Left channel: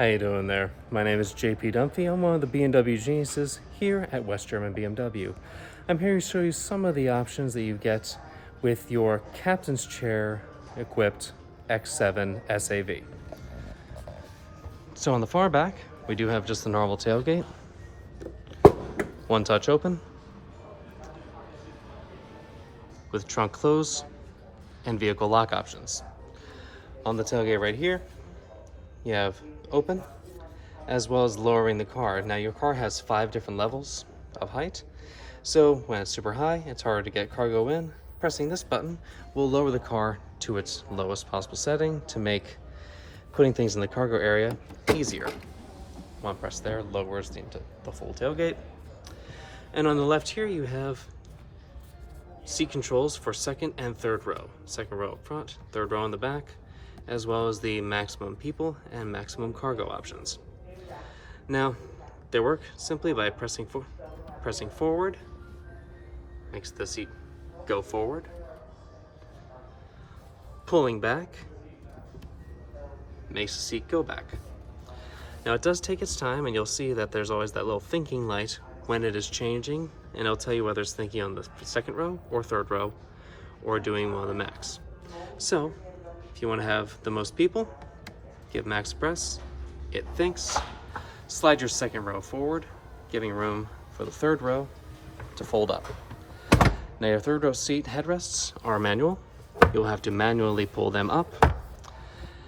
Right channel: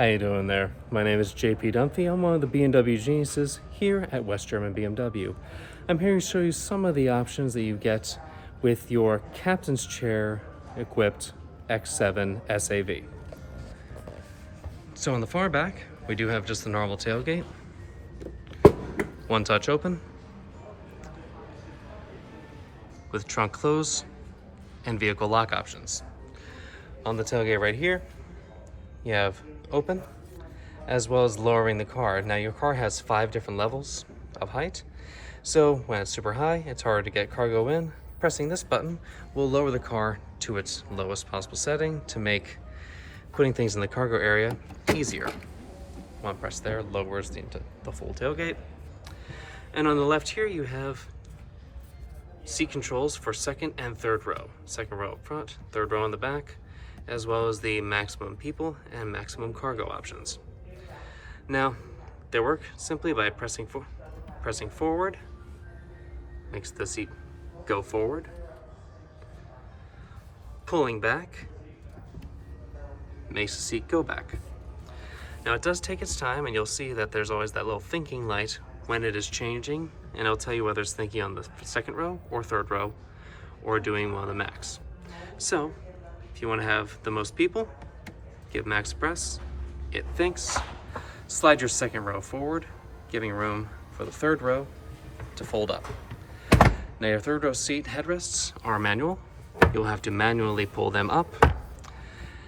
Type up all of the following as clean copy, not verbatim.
How you doing there? My name is JP Dunphy. I'm one of the BMW geniuses here at West German BMW. I'm here to show you some of the options that you get with your captain's chair equipped X7 SAV. So on the far back, we do have just the normal tailgate, one touch open, with trunk close and vehicle lock options. On the tailgate right here, you have open, as well as lowering the car. Now your car has 5 different levels of height, so when it's super high, it's hard to get cargo in. Pressing this button will lower the car to its lowest possible setting to make putting things in the cargo area easier. One press there lowers the full tailgate. And on the left here, you have seat controls for second and third row. Second row up front, third row in the back, as well as the maximum people and maximum cargo options. Now, they work simply by pressing forward, makes the seat go forward, pulling back, makes the seat go back. Now it does take its time, and you'll see that there's always that little thinking light when it is changing, and it'll tell you whether it's thinking on the second row or third row or doing one of the max. So if you want to have the most people, give max press, it thinks, slide your second row forward, giving room for the third row to fold up. Now your third row seat headrests are manual. You'll have to manually pull them up.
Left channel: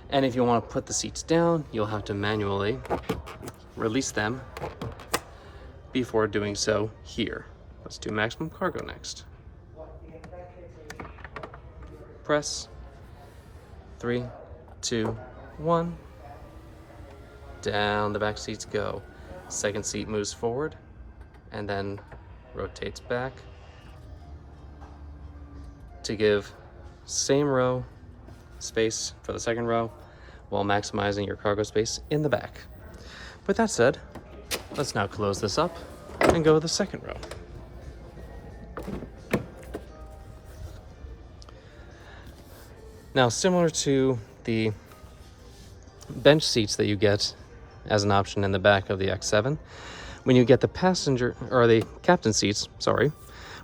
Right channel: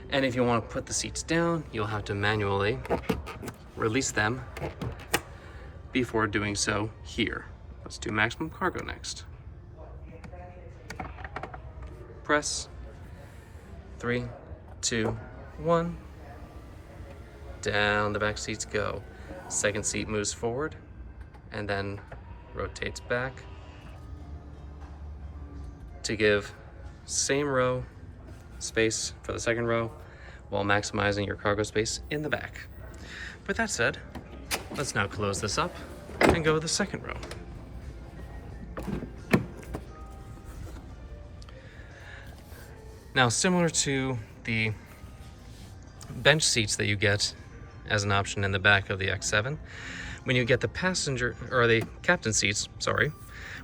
And if you want to put the seats down, you'll have to manually release them before doing so here. Let's do maximum cargo next. Press, 3, 2, 1. Down the back seats go. Second seat moves forward and then rotates back to give same row space for the second row while maximizing your cargo space in the back. With that said, let's now close this up and go to the second row. Now, similar to the bench seats that you get as an option in the back of the X7, when you get the passenger or the captain seats, when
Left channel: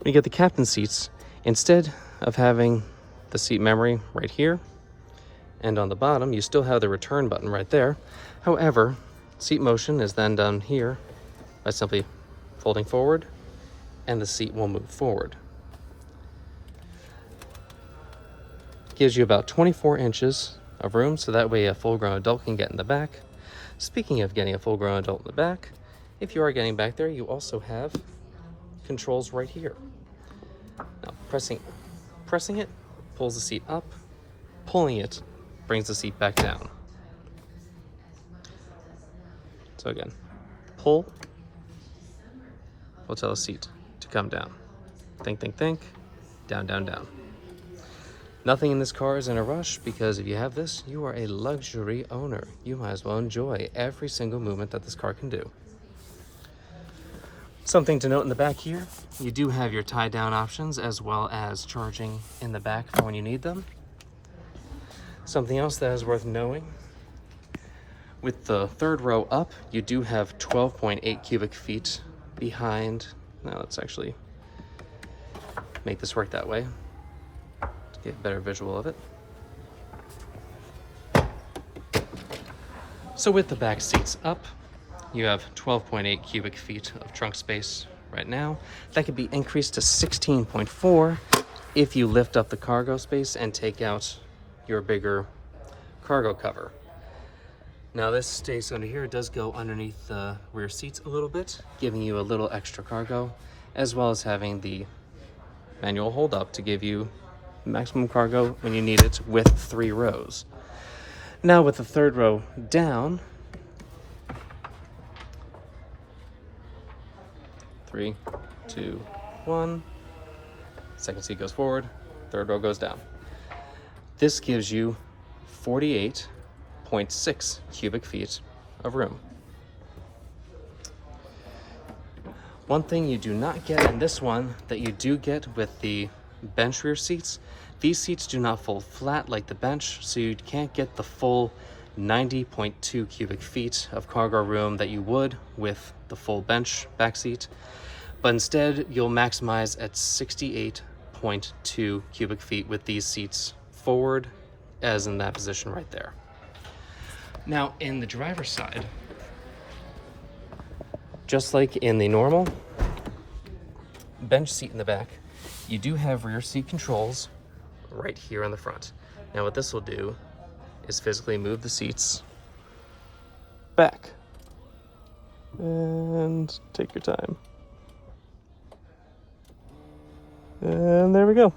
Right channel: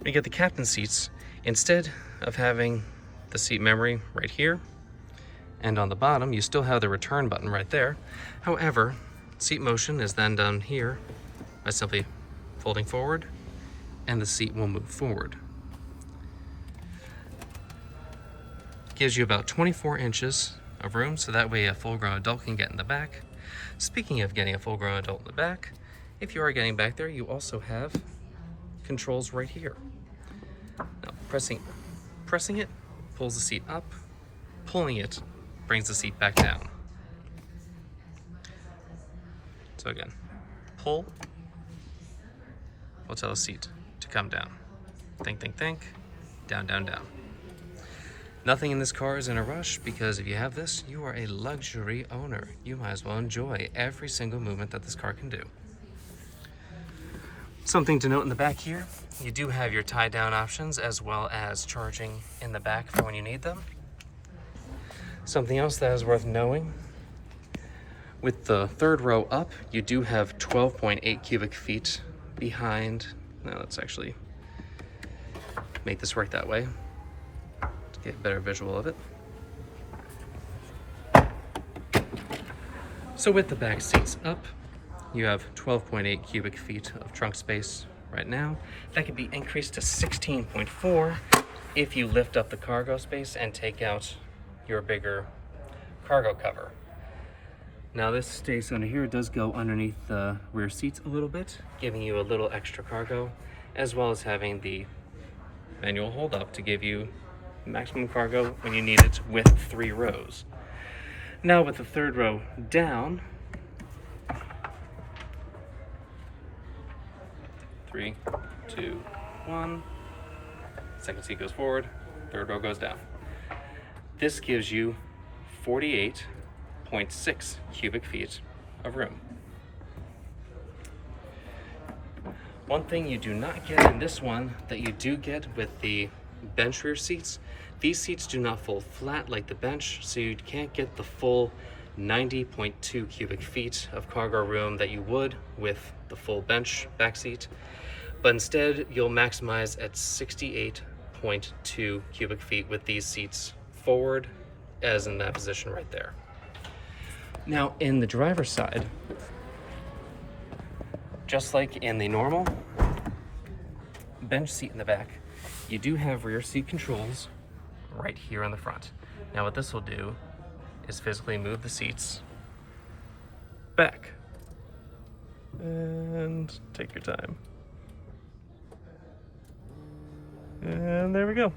you get the captain seats, instead of having the seat memory right here and on the bottom, you still have the return button right there. However, seat motion is then done here by simply folding forward, and the seat will move forward. Gives you about 24 inches of room, so that way a full-grown adult can get in the back. Speaking of getting a full-grown adult in the back, if you are getting back there, you also have controls right here. Now, pressing it pulls the seat up, pulling it brings the seat back down. So again, pull will tell the seat to come down. Think, think, think, down, down, down. Nothing in this car is in a rush, because if you have this, you are a luxury owner. You might as well enjoy every single movement that this car can do. Something to note in the back here, you do have your tie down options as well as charging in the back for when you need them. Something else that is worth knowing, with the third row up, you do have 12.8 cubic feet behind. Now let's actually make this work that way to get a better visual of it. So with the back seats up, you have 12.8 cubic feet of trunk space right now. That could be increased to 16.4 if you lift up the cargo space and take out your bigger cargo cover. Now this space under here does go underneath the rear seats a little bit, giving you a little extra cargo, as well as having the manual hold up to give you maximum cargo when you need it with 3 rows. Now with the third row down, 3, 2, 1, second seat goes forward, third row goes down. This gives you 48.6 cubic feet of room. One thing you do not get in this one that you do get with the bench rear seats, these seats do not fold flat like the bench, so you can't get the full 90.2 cubic feet of cargo room that you would with the full bench back seat, but instead you'll maximize at 68.2 cubic feet with these seats forward, as in that position right there. Now in the driver's side, just like in the normal bench seat in the back, you do have rear seat controls right here on the front. Now what this will do is physically move the seats back. And take your time. And there we go.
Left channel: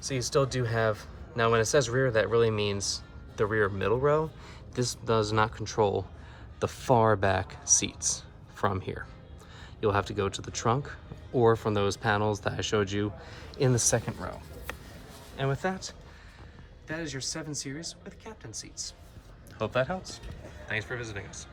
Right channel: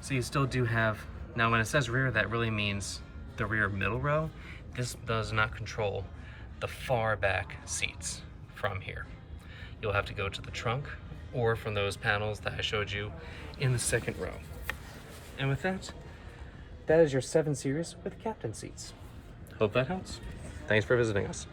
So you still do have, now when it says rear, that really means the rear middle row. This does not control the far back seats from here. You'll have to go to the trunk or from those panels that I showed you in the second row. And with that, that is your 7 Series with captain seats. Hope that helps. Thanks for visiting us.